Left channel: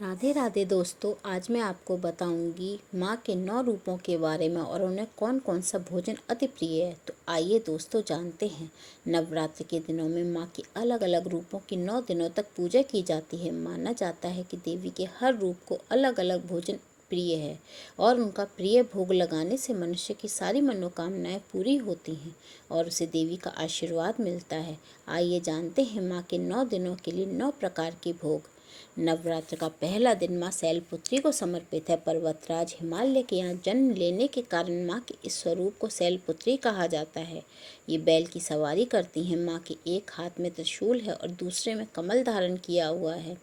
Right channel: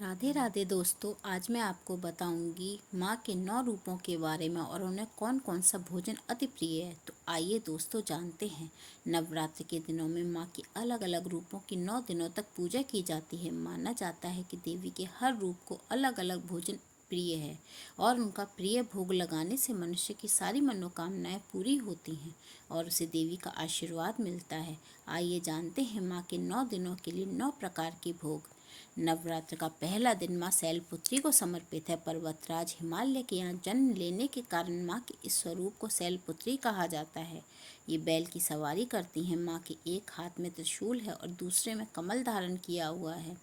राधे राधे दोस्तों, आज मैं आपको बताऊंगी माँ के 9 रूपों के बारे में और उन्हें कौन कौन सा भोजन अति प्रिय है। तो आइए दोस्तों जानते हैं। नवरात्र के दिनों में माँ की अलग अलग रूपों की 9 दिनों तक पूजा की जाती है। माना जाता है कि देवी के हर रूप को अलग अलग भोजन प्रिय है और उनका प्रिय भोग लगाने से मनुष्य की सारी मनोकामनाएं पूरी होती हैं और उसे देवी का आशीर्वाद मिलता है। आइए जानते हैं माँ के 9 दिनों के लिए 9 प्रकार के भोग। नवरात्र का पहला दिन माँ शैलपुत्री को समर्पित है। पर्वतराज हिमालय के यहाँ जन्म लेने के कारण माँ के इस स्वरूप को शैलपुत्री कहा जाता है। ये बैल की सवारी करती हैं। माँ के एक हाथ में त्रिशूल है और दूसरे में कमल धारण किया हुआ है।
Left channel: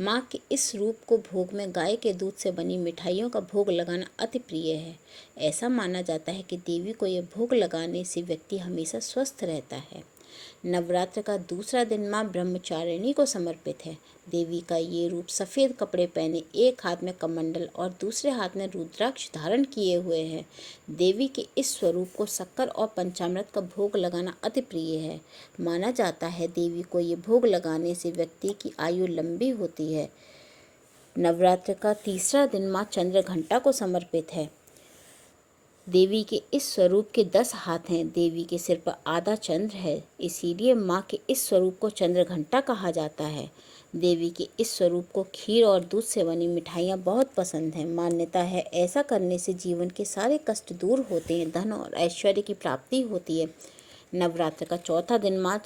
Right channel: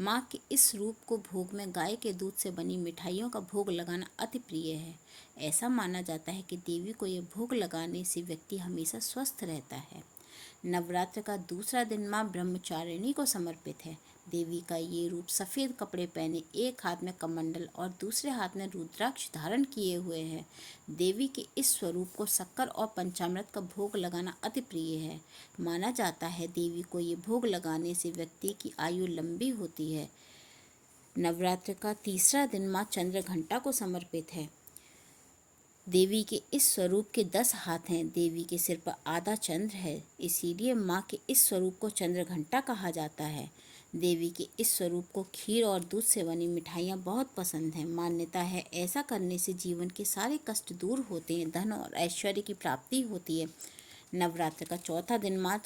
माँ के इस रूप को भोग में गाय के दूध से बनी मिठाइयों का भोग लगाना अति प्रिय है। ऐसा माना जाता है कि देवी को यह भोग लगाने से व्यक्ति हमेशा स्वस्थ रहता है। नवरात्र का दूसरा दिन माँ ब्रह्मचारिणी को समर्पित है। देवी का ये रूप सफ़ेद कपड़े पहने, एक हाथ में कमंडल और दूसरे हाथ में रुद्राक्ष धारण किए हुए है। देवी के इस स्वरूप को शक्कर और पंचामृत का भोग लगाना अति प्रिय है। माना जाता है देवी को ये भोग लगाने से व्यक्ति की आयु लंबी होती है। नवरात्र का तीसरा दिन माँ चंद्रघंटा को समर्पित है। देवी के इस स्वरूप के 10 हाथ हैं। देवी के सिर पर आधा चंद्र है, इसीलिए माँ के इस स्वरूप को चंद्रघंटा कहा जाता है। देवी के इस स्वरूप को खीर और दूध से बनी मिठाइयाँ बहुत पसंद हैं। मान्यता है ऐसा करने से जीवन के सारे कष्ट दूर होते हैं, धन और ऐश्वर्य की प्राप्ति होती है। नवरात्र का चौथा दिन माँ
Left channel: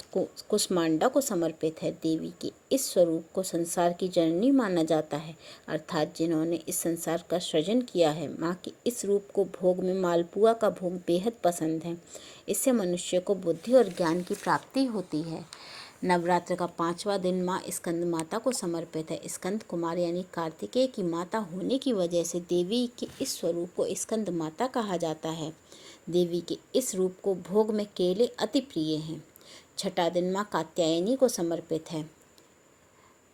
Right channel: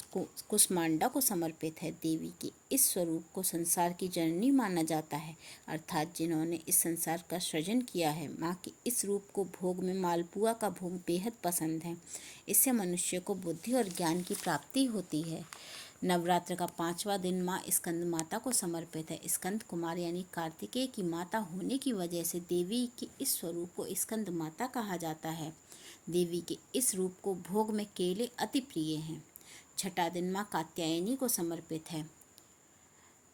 कुष्मांडा को समर्पित है। देवी के इस स्वरूप को संसार की जननी माना जाता है, अर्थात जिन्होंने इस संसार का सृजन किया है। माँ के इस रूप को भोग में मालपुआ का भोग बेहद पसंद है। इससे मनुष्य को बुद्धि और ज्ञान की प्राप्ति होती है। नवरात्र का पांचवा दिन माँ स्कंद माता को समर्पित है। स्कंद कुमार यानी कार्तिकेय की माता होने की वजह से देवी के इस स्वरूप को स्कंद माता कहा जाता है। देवी के इस रूप को भोग में केले अति प्रिय हैं। छठा दिन माँ कात्यायनी को समर्पित है।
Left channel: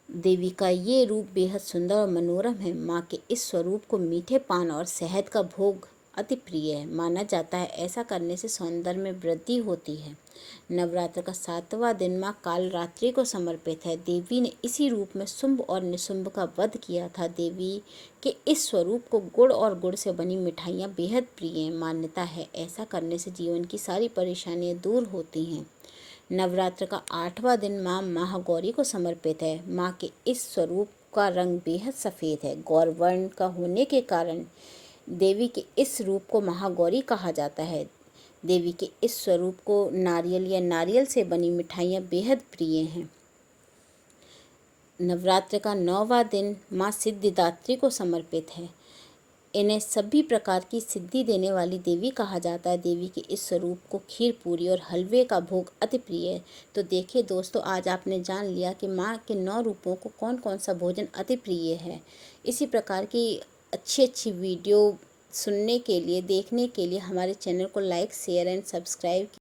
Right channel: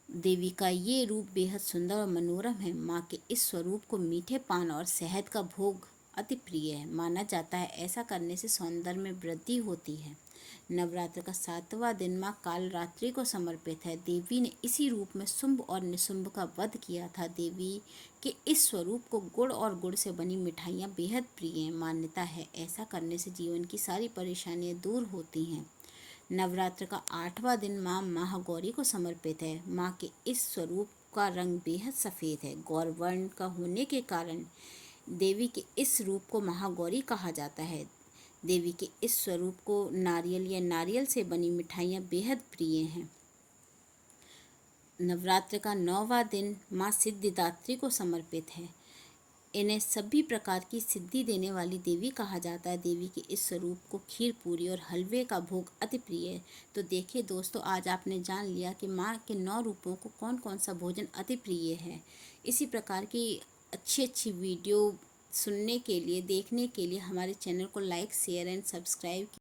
देवी का ये रूप बेहद सुंदर और मनोरम है। माँ के इस स्वरूप को मीठे पान और शहद का भोग अति प्रिय है। माना जाता है ऐसा करने से सौंदर्य में वृद्धि होती है। नवरात्र का सातवां दिन माँ कालरात्रि को समर्पित है। देवी ने इसी रूप में शुंभ और निशुंभ का वध किया था। देवी के इस स्वरूप को गुड़ और गुड़ से बनी मिठाइयाँ बेहद प्रिय हैं। मान्यता है ऐसा करने से जीवन की सारी परेशानियाँ दूर होती हैं। नवरात्र का आठवां दिन माँ महागौरी को समर्पित है। माँ के इस स्वरूप का रंग बेहद सफ़ेद है। गौरवर्ण का होने के कारण देवी के इस रूप को महागौरी कहा जाता है। देवी के इस स्वरूप को नारियल या नारियल से बनी मिठाइयाँ बेहद प्रिय हैं। नवरात्र का 9वां दिन माँ सिद्धिदात्री को समर्पित है। इन्हें सभी प्रकार की सिद्धि देने वाली देवी कहा जाता है। देवी के इस स्वरूप को खीर पूरी और हलवे का भोग अति प्रिय है। तो देखिए दोस्तों, आज आपने जान लिया कि माँ के 9 रूपों को कौन कौन सा भोजन अति प्रिय है। इसी प्रकार की अच्छी अच्छी वीडियो सुनने के लिए, देखने के लिए हमारे चैनल को लाइक, शेयर एंड सब्सक्राइब